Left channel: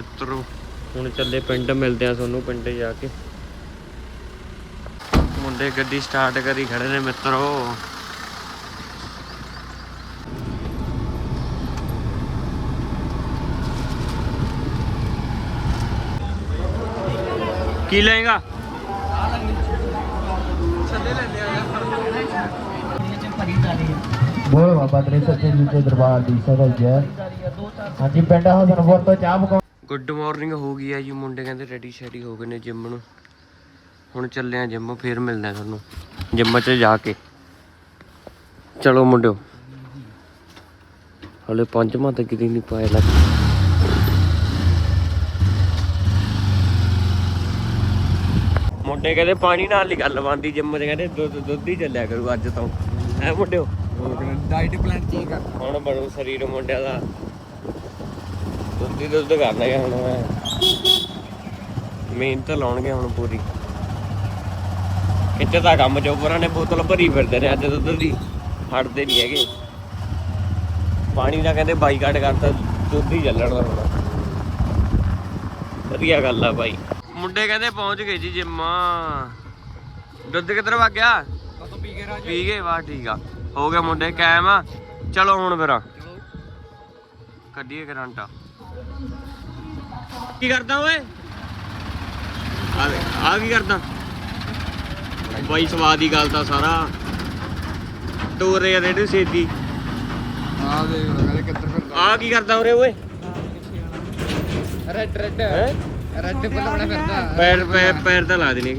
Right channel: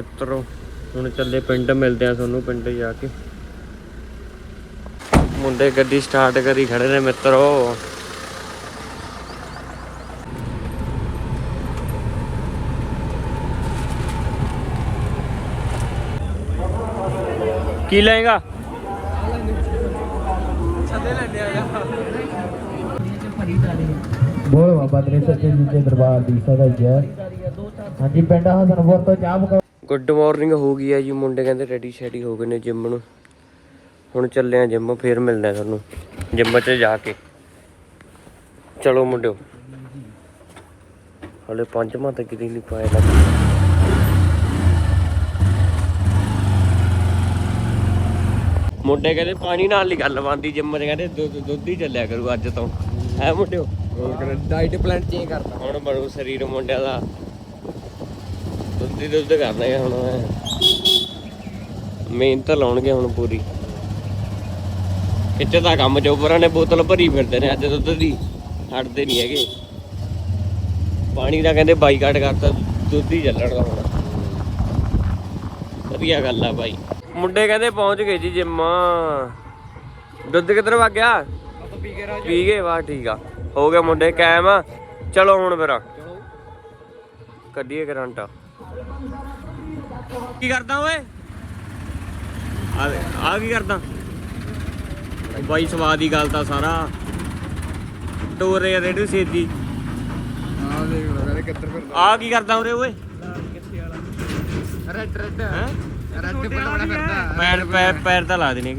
ਮਿੱਤਰੋ, ਹੁਣ ਚੱਲੇ ਪਿੰਡ, ਮਿਲਦੇ ਆ ਤੁਹਾਨੂੰ ਪਿੰਡ ਜਾ ਕੇ। ਮੁੰਡੇ ਗੱਡੀ ਸਟਾਰਟ ਕਰੀ ਖੜੇ ਨੇ ਮਿੱਤਰੋ। ਕੀ ਲਏਗਾ? ਬੋਏ ਬਾਬਾ ਦਰੇ ਸੱਚੇ ਜੁੱਤੇ ਦਰਬਾਰ ਦੀ ਸਭਾਈ ਹੈ। ਹਾਂਜੀ, ਪਿੰਡ ਹਸਨ ਤੋਂ ਚਾਹ ਪਕਾ ਗੁੱਡ ਮਾਰਨਿੰਗ ਹੋ ਗਈ ਹੈ ਜੀ। ਮੁੰਡੇ ਕਹਿੰਦੇ ਰੈਡੀ ਸ਼ੈਡੀ ਹੋ ਗਏ ਨੇ ਜਿਮ ਨੂੰ। ਹੁਣ ਚੱਲੇ ਆ ਜਿਮ ਫੇਰ ਮਿਲਦੇ ਆ ਤੁਹਾਨੂੰ। ਜਿਮ 'ਚ ਜਾ ਕੇ। ਚਲੋ ਮੁੰਡਿਓ। ਹਲੇ ਪੰਜਵਾਂ ਤੱਕ ਕਿਤੇ ਨਹੀਂ ਪਾਇਆ ਲੱਗ ਮੁੰਡੇ ਕਹਿੰਦੇ ਪਾਣੀ ਨਾਲ ਨਹੀਂ ਗੱਲ ਬੰਦੀ ਜਿਮ 'ਚ ਕਹਿੰਦੇ ਦੁੱਧ ਦੁੱਧ ਹੀ ਚੱਲਿਆ ਕਰੂ ਅੱਜ ਤੋਂ। ਹੈ ਮੁੰਡਿਓ? ਡਾਈਟ ਪਲਾਨ ਚੇਂਜ ਕਰਨਾ ਹੁਣ ਬਣੂ ਸਰੀਰ ਮੁੰਡਿਆਂ ਦਾ। ਦੁੱਧ ਦੁੱਧ ਕਰਨਾ ਹੈ ਹੁਣ ਮੈਂ। ਮਿਹਨਤ ਲਾਉਣਗੇ ਹੁਣ ਪੂਰੀ। ਕਿੱਥੇ ਦਾ ਕੰਮ ਚੋਪਰਾਂ ਨੇ ਬੋਤਲ ਭਰੀ ਫਿਰਦੇ ਨੇ ਅੱਜ ਦੁੱਧ ਦੀ ਹਟਦੇ ਨਹੀਂ ਹੈਗੇ। ਪਾਣੀ ਦਾ ਕਹਿੰਦੇ ਬਾਈਕਾਟ ਕਰਤਾ ਦੁੱਧ ਹੀ ਚੱਲਣ ਦਾ ਹੁਣ। ਵਧੀਆ ਗੱਲ ਆ ਬਾਈ। ਮੁੰਡੇ ਕਹਿੰਦੇ ਪਹੁੰਚ ਗਏ ਜੀ ਜਿੰਮ। ਦੁੱਧ ਕਿੱਧਰ ਵਗ ਗਿਆ? ਪੀ ਕੇ ਰਾਜ। ਪੀ ਗਏ ਵਾਹ ਠੀਕ ਆ। ਹੋ ਗਿਆ ਮੁੰਡੇ ਕਾਇਮ ਚਲੋ ਹੁਣ ਫਿਰ। ਚਲੋ। ਕੱਢੀਏ ਕਰੰਟ। ਕੀ ਕਰਦਾ ਓਏ? ਆ ਦੇ- ਆ ਕੀ ਕਰਦਾ? ਬਾਈ ਸਵਾਦ ਦੀ ਗੱਲ ਤਾਂ ਸਾਰਾ। ਤੋਰੇ ਆ ਰੇਡੂ ਸੇਦੀ। ਆ ਦੇਖ ਲੋ ਕਹਿੰਦੇ ਕਿੱਧਰ ਫਿਰਦਾ। ਆ ਕੀ ਕਰਦਾ ਉਰੇ ਓਏ? ਰੈੱਡ ਰੈੱਡ ਹੈਂ? ਰੈੱਡ ਬੜਾ ਫਿਰਦਾ। ਪੈਰ ਪੈਰ ਪੈਰ ਤਾਂ ਲਾ ਦੇਣੇ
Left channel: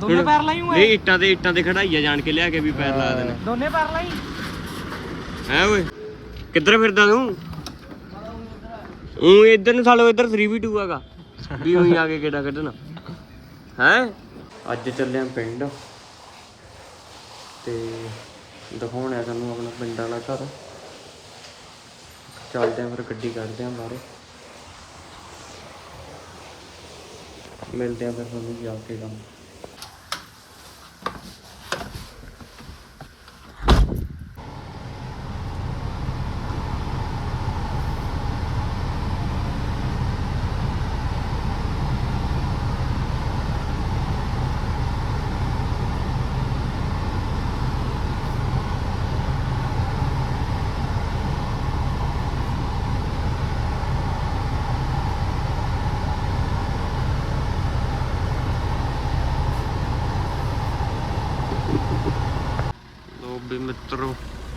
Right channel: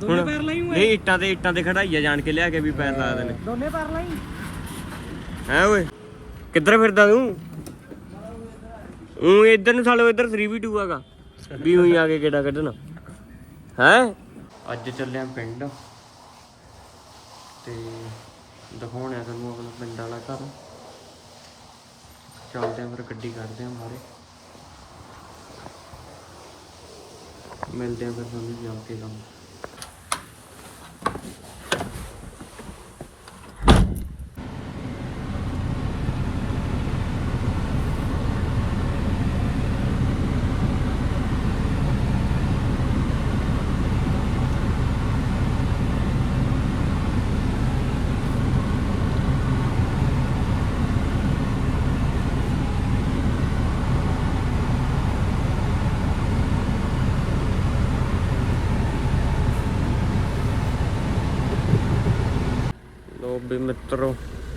ਦੋਨੇ ਪੈਰ ਲਾਈ ਨਹੀਂ ਇੱਟਾਂ ਤੇ ਇੱਟਾਂ ਤੇ ਖੜਾਈਆ ਜਾਣ ਕੇ ਲਿਆ ਕੇ ਵੀ ਪੈਰ ਲਾ ਦੇਣੇ। ਦੋਨੇ ਪੈਰ ਲਾਈ। ਹੈ ਓਏ? ਕਿੱਧਰ ਫਿਰਦਾ ਤੂੰ? ਉਹ ਇੱਧਰ ਨੂੰ ਸਾਲੋ ਇੱਧਰ 3v2 ਹੈਗਾ। ਵੀ ਉਹੀ ਆ ਕੇ ਕਿਹੜਾ ਕੱਢਣਾ। ਹੈ? ਅੱਜ ਚੱਲਿਆ ਪਿੰਡ। ਤੇ ਦਿਖਾਉਣਾ ਤੁਹਾਨੂੰ ਆਪਣਾ ਪਿੰਡਾਂ ਦਾ ਘਰ। ਚੱਲਦੇ ਆਂ ਫਿਰ ਗੱਡੀ ਕੱਢਦੇ ਆਂ ਬਾਹਰੇ। ਮਿਲਦੇ ਆਂ ਫਿਰ ਤੁਹਾਨੂੰ ਜਾ ਕੇ ਕੰਮ ਲੋ ਵੀ ਮਿੱਤਰੋ,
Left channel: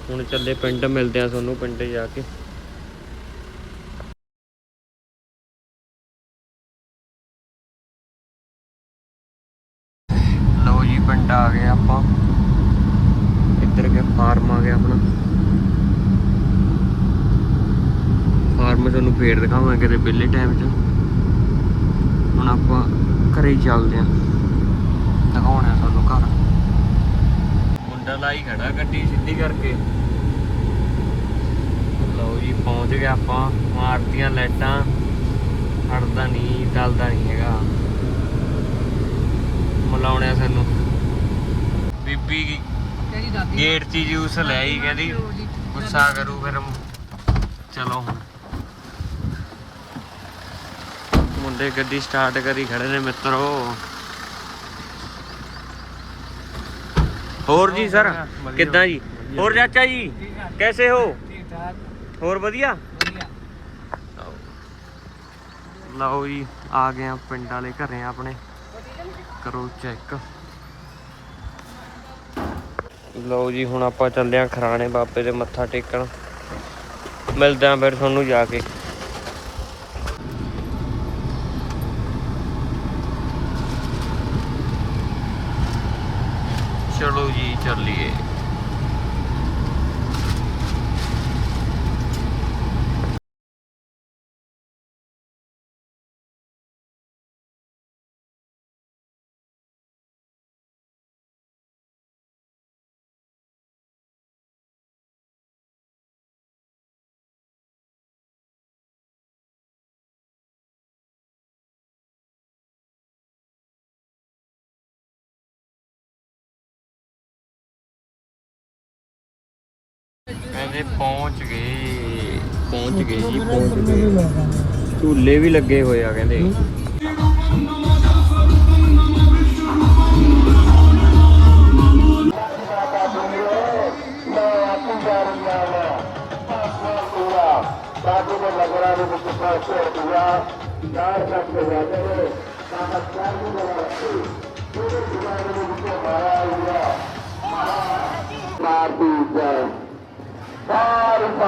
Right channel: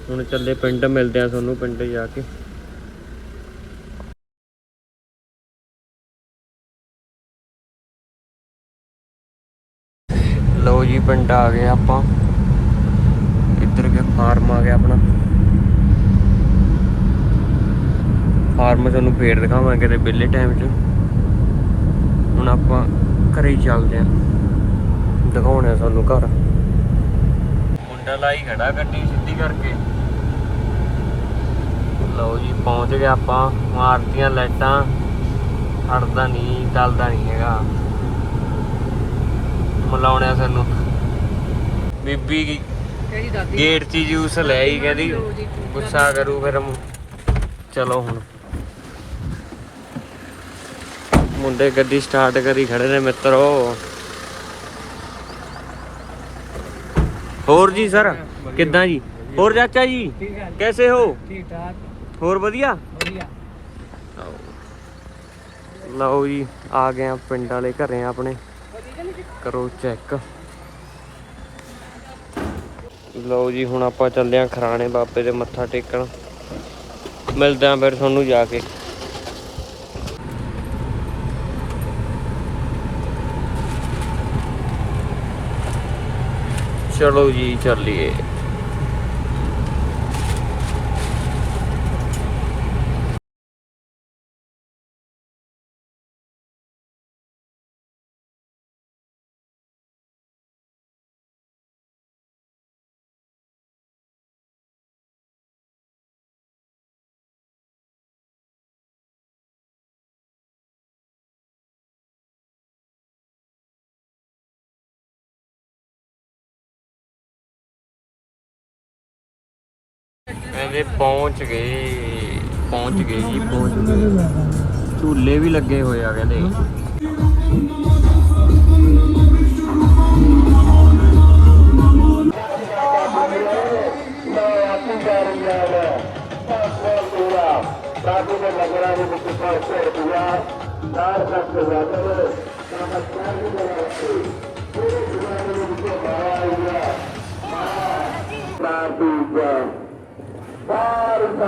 ਹੁਣ ਚੱਲੇ ਪਿੰਡ, ਮਿਲਦੇ ਆ ਤੁਹਾਨੂੰ ਪਿੰਡ ਜਾ ਕੇ। ਲਓ ਜੀ, ਪਿੰਡ ਆ ਗਏ ਆਪਾਂ। ਕਿੱਧਰ ਗਿਆ? ਫਾਰਮ ਆ ਗਿਆ ਆਪਣਾ। ਫਾਰਮ ਤੁਹਾਨੂੰ ਫੇਰ ਦਿਖਾਵਾਂਗੇ ਕਿਤੇ ਵਿਹਲੇ ਟਾਈਮ 'ਚ। ਹੁਣ ਆਪਾਂ ਘਰੇ ਚੱਲਦੇ ਆਂ ਦਿਖਾਉਣੇ ਆ ਤੁਹਾਨੂੰ ਘਰ। ਮੁੰਡਾ ਲਾਈ ਖੜਾ ਗੱਡੀ ਸਿੱਧੀ ਕਰਕੇ। ਲਓ ਜੀ ਪਹੁੰਚ ਗਏ ਆਪਾਂ ਮਾਰਤੀਆਂ ਲਾਈਟਾਂ। ਹਟਦਾ ਨਹੀਂ ਚੱਲਦਾ ਨਹੀਂ ਹੈਗਾ। ਮਲਾਉਣਿਆ ਸਾਨੂੰ। ਬੀਬੀ ਤੇਰੀ ਦਾਦੀ ਗੇਟ 'ਚ ਜੂਸ ਲੈ ਆਈ ਕਹਿੰਦੀ ਗੁੱਸਾ ਕਰੂ ਫਿਰ ਚਲੋ ਹੁਣ। ਮੁੰਡੇ ਗੱਡੀ ਸਟਾਰਟ ਕਰੀ ਖੜੇ ਨੇ ਮਿੱਤਰੋ। ਹੋਰ ਜੀ ਸਰ ਕਿੱਦਾਂ ਜੀ? ਹੋਰ ਚਾਚਾ ਜੀ। ਕੈਸੇ ਹੋ? ਠੀਕ ਠਾਕ। ਹੋਰ ਵਧੀਆ? ਵਧੀਆ। ਲਓ ਜੀ ਆ ਗਏ ਆ ਪਿੰਡ ਵਾਲੇ ਘਰੇ ਆਪਣੇ। ਕਰੋ ਚੈੱਕ। ਲਓ ਜੀ ਹੁਣ ਆਪਾਂ ਚੱਲੇ ਆ ਖਰਾਣੇ ਬਾਬੇ ਦੇ ਮੱਥਾ ਟੇਕਣ। ਮਿਲਦੇ ਆ ਫਿਰ ਤੁਹਾਨੂੰ ਜਾ ਕੇ। ਚਲੋ ਜੀ ਚੱਲੀਏ। ਕਹਿੰਦੇ ਪਹੁੰਚ ਗਏ। ਪਹੁੰਚ ਗਏ ਜੀ ਪਹੁੰਚ ਗਏ। ਝੂਲੇ ਵੀ ਲੱਗੇ ਹੋਏ ਆ ਕਹਿੰਦੇ।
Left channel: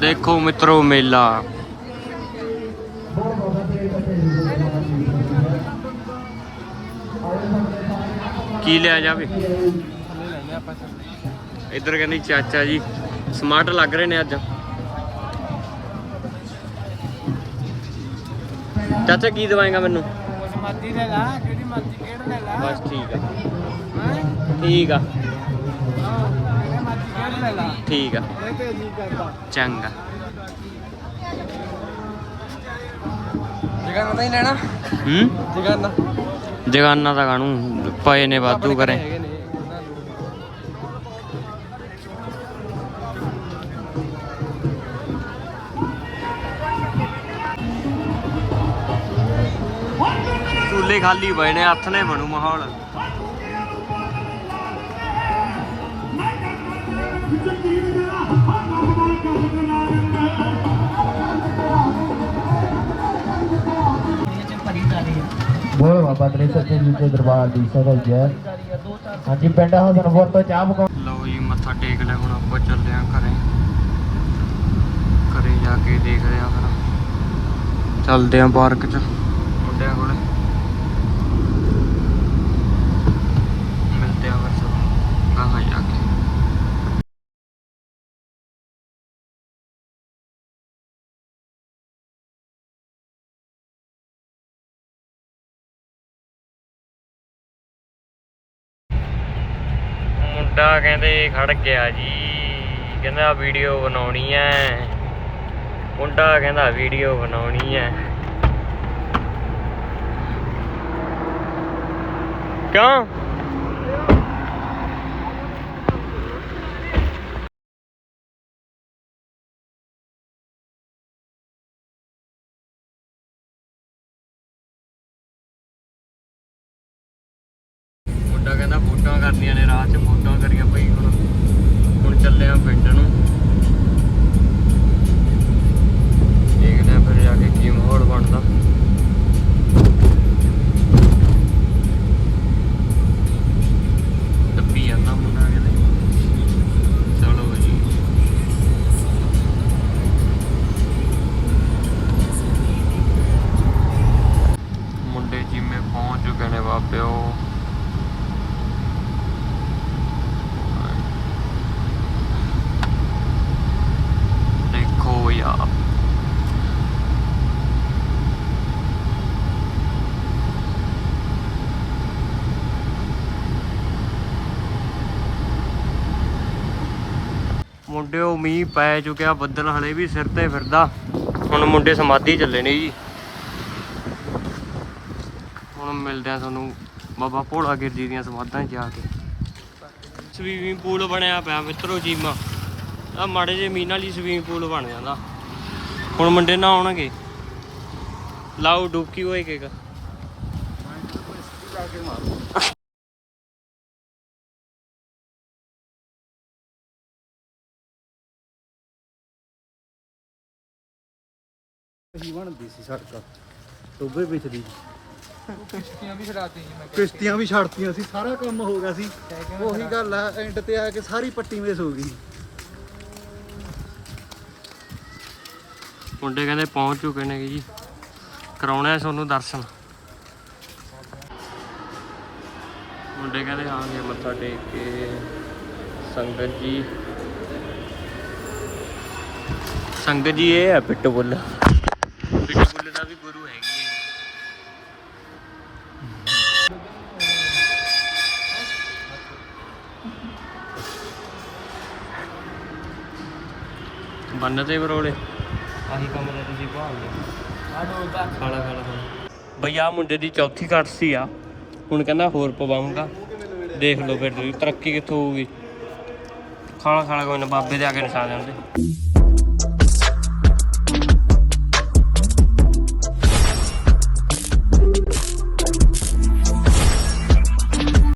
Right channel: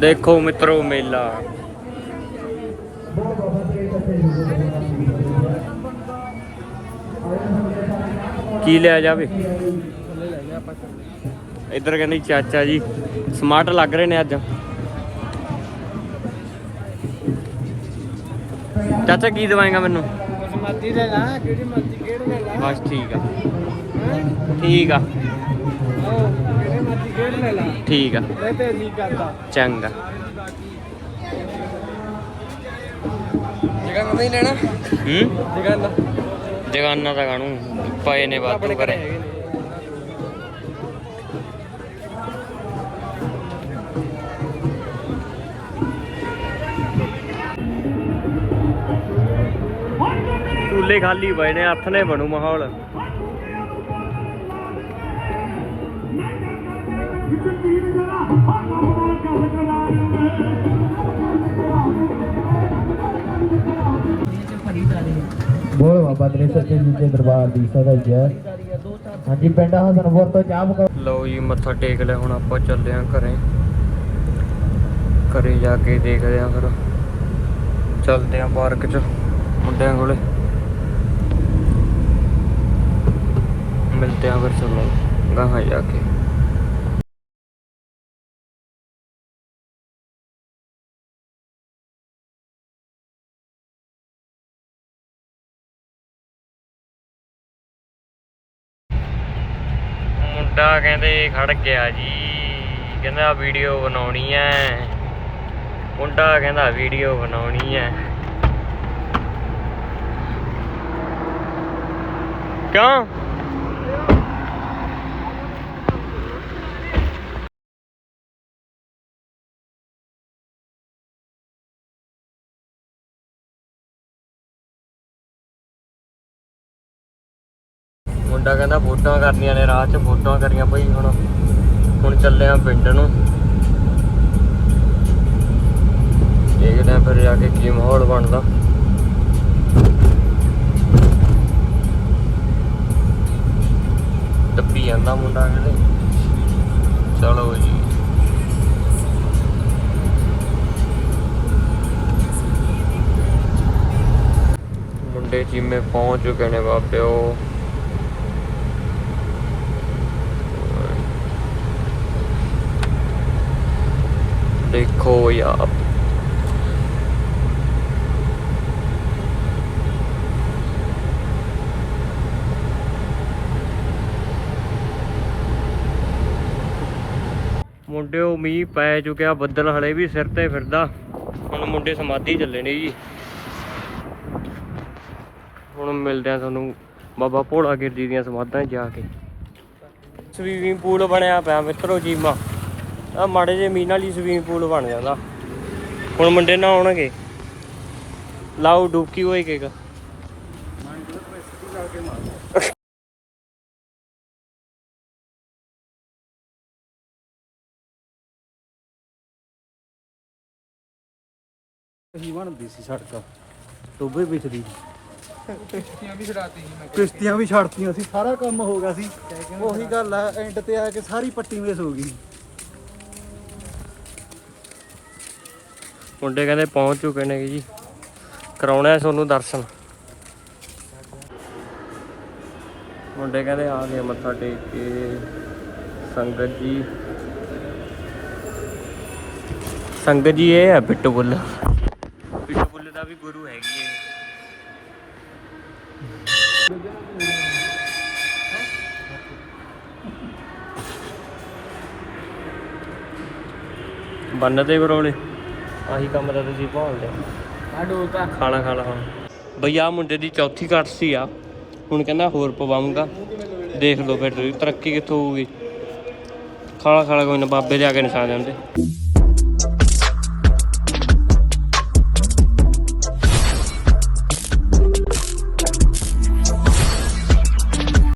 ਦੇਖੋ ਮਿੱਤਰੋ ਮੇਲਾ। ਕੀ ਲਿਆ ਜਾਵੇ? ਇੱਧਰ ਕਹਿੰਦੀ ਚਾਚਾ ਜੀ ਸਮਾਰਟ ਲੱਗ ਰਹੇ ਨੇ ਅੱਜ। ਚਾਚਾ ਕੀ ਦਵਾਏਗਾ ਮੈਨੂੰ? ਮਰਜ਼ੀ ਲੈ ਲਾ ਕਿਹੜੀ ਮਰਜ਼ੀ ਕਿਹੜਾ ਲੈ ਲਾ? ਬਸ ਠੀਕ ਹੈ। ਹੈ? ਠੀਕ ਆ। ਉਹ ਕਿਹੜੇ ਮਰਜ਼ੀ ਲੈ ਲਾ ਠੀਕ ਆ। ਇਹ ਤੇ ਨਹੀਂ ਕਰਦਾ ਚੰਗਾ। ਜਗਨ ਨਹੀਂ ਲੈਣਾ ਹੂੰ? ਜਗਨ ਜਗਾਨਾ ਦਾ ਕਾਣੂ ਪਏ ਨੇ ਵਾਧੂ ਕਰੇ ਝੂਲੇ ਖਾਲੀ ਪਏ ਨੇ, ਹੱਥ ਨੇ ਬਣੂ ਮਾਹੌਲ। ਬੋਲ ਬਾਬਾ ਤੇਰੇ ਸੱਚੇ ਜੀ ਦੇ ਦਰਬਾਰ ਦੀ ਸਦਾ ਜੈ ਹਾਂਜੀ, ਪਿੰਡ ਹਸਨਪੁਰ ਤੋਂ ਚਾਹ ਪਕਾਓ ਲਓ ਜੀ, ਮੱਥਾ ਟੇਕ ਲਿਆ, ਹੁਣ ਆਪਾਂ ਚੱਲੇ ਆਂ ਘਰੇ। ਘਰੇ ਜਾ ਕੇ ਦੇਖਦੇ ਆਂ ਫਿਰ। ਚੱਲਦੇ ਆਂ ਪਾਰਕ 'ਚ, ਮੁੰਡਿਆਂ ਕੋਲੇ। ਮਿਲਦੇ ਆਂ ਫਿਰ ਚਲੋ ਗਾਹਾਂ ਜਾ ਕੇ। ਮੁੰਡਾ ਕਹਿੰਦੇ ਖੜ ਗਿਆ ਜੀ, ਕਹਿੰਦਾ ਵੀਡੀਓ ਬਣਾਉਣੀ ਐ। ਮੁੰਡਾ ਕਹਿੰਦਾ ਵੀਡੀਓ ਬਣਾਉਣੀ ਐ। ਕਿਉਂ? ਮੁੰਡਾ ਕਹਿੰਦਾ ਫੋਟੋਆਂ ਕਰਨੀਆਂ ਨੇ ਰਾਤ 'ਚ ਫੋਟੋਆਂ ਕਰੀਆਂ ਬਈ ਹੁਣ ਹੁਣ ਚੱਲੇ ਆ ਪਿੰਡ ਨੂੰ। ਦੇਖਦੇ ਆ ਫਿਰ ਜਾ ਕੇ ਕੀ ਮਾਹੌਲ ਬਣਦਾ। ਟੱਪੀ ਜਾਂਦਾ ਮੁੰਡਾ ਕਿਤੇ। ਚਲੋ ਜੀ। ਮੁੰਡੇ ਜਿਵੇਂ ਪਹੁੰਚ ਚੁੱਕੇ ਨੇ ਬਾਬਿਓ ਦੇਖੋ ਯਾਰ ਮੁੰਡਿਓ, ਮੀਂਹ ਪੈ ਚੁੱਕਿਆ, ਬੱਦਲ ਹਲੇ ਵੀ ਸਿਰ ਤੇ ਫਿਰਦਾ। ਹੁਣ ਮੁੰਡੇ ਸਮਾਧੀ ਚੱਲੇ ਨੇ ਜੀ। ਹੁਣ ਮਿਲਦੇ ਆ ਤੁਹਾਨੂੰ ਬਾਬਾ ਭੋਲਾ ਗਿਰਦੀ ਦੀਆਂ ਸਮਾਧਾਂ ਜਾ ਕੇ। ਸਵੀਮਿੰਗ ਪੂਲ ਬਣਿਆ ਪਿਆ ਮਿੱਤਰੋ, ਜੀਮਾ। ਆ ਮਾੜੇ ਜੇ ਨਾਲ ਹੀ ਸਵੀਮਿੰਗ ਪੂਲ ਬਣ ਜਾਂਦਾ। ਹੁਣ ਮੁੰਡੇ ਨਾ ਆਉਣਗੇ ਲਾਓ ਡੁਬਕੀ ਹੋਈ ਕੇਕ। ਹੀ ਬਣਦੀ ਸੀ ਸੜਕ। ਟੋਬੇ ਵਿੱਚ ਦੀ। ਕਿਸ਼ਤੀਆਂ ਵੀ ਛੜਾਤੀ ਜੀ ਮੈਂ ਕਿਸ਼ਤੀਆਂ ਵੀ ਛੱਡਤੀਆਂ ਸੀ ਸਾਰਾ ਕੰਮ ਹੋ ਗਿਆ ਸੀ। ਉਹੀ ਗੱਲ ਆ ਐਂਡ ਤੇ ਆ ਕੇ ਸਾਰੀ ਪੱਟੀ ਮਿਸ ਹੋ ਗਈ। ਮੁੰਡੇ ਕਹਿੰਦੇ ਪਹੁੰਚ ਚੁੱਕੇ ਨੇ ਜੀ। ਕਰਾਉਣਾ ਹੈ ਤੁਹਾਨੂੰ ਦਰਸ਼ਨ। ਮੁੰਡੇ ਕਹਿੰਦੇ ਆ ਗਏ ਮੱਥਾ ਟੇਕ ਕੇ। ਸੰਗਤ ਜੀ। ਸੰਗਤ ਜੀ ਇਹ ਹੈ ਬਿੱਟੂ ਬੁੱਲ। ਬਿੱਟੂ ਬੁੱਲ ਦਾ ਵੀ ਗੁਰੂ ਹੈਗੀ ਹੈ ਬੰਨਦੇ ਬਰੋਲੇ। ਆਹੀ ਕੰਮ ਦਾ ਤੁਸੀਂ ਭਾਉਂਦੇ ਆ। ਡੋਲਤਾ ਖਾਣਾ ਖਾਣਾ ਭਈਆ ਮੁੰਡੇ ਦੀ ਚੌਥੀ ਕੱਟਸੀ ਆ। ਹੁਣ ਕਹਿੰਦਾ ਹੋਰ ਪਵਾਉਂਗਾ। ਦੇਖ ਲਓ ਫਿਰ ਤੁਸੀਂ ਤਰੱਕੀ ਕਿੱਥੋਂ ਹੋਊਗੀ। ਖਾਣਾ ਖਾਣਾ ਕੋਈ ਨਾ ਬਾਬੇ ਦੇ ਆ ਕੇ ਨਿਸ਼ਾ ਜਾਂਦੇ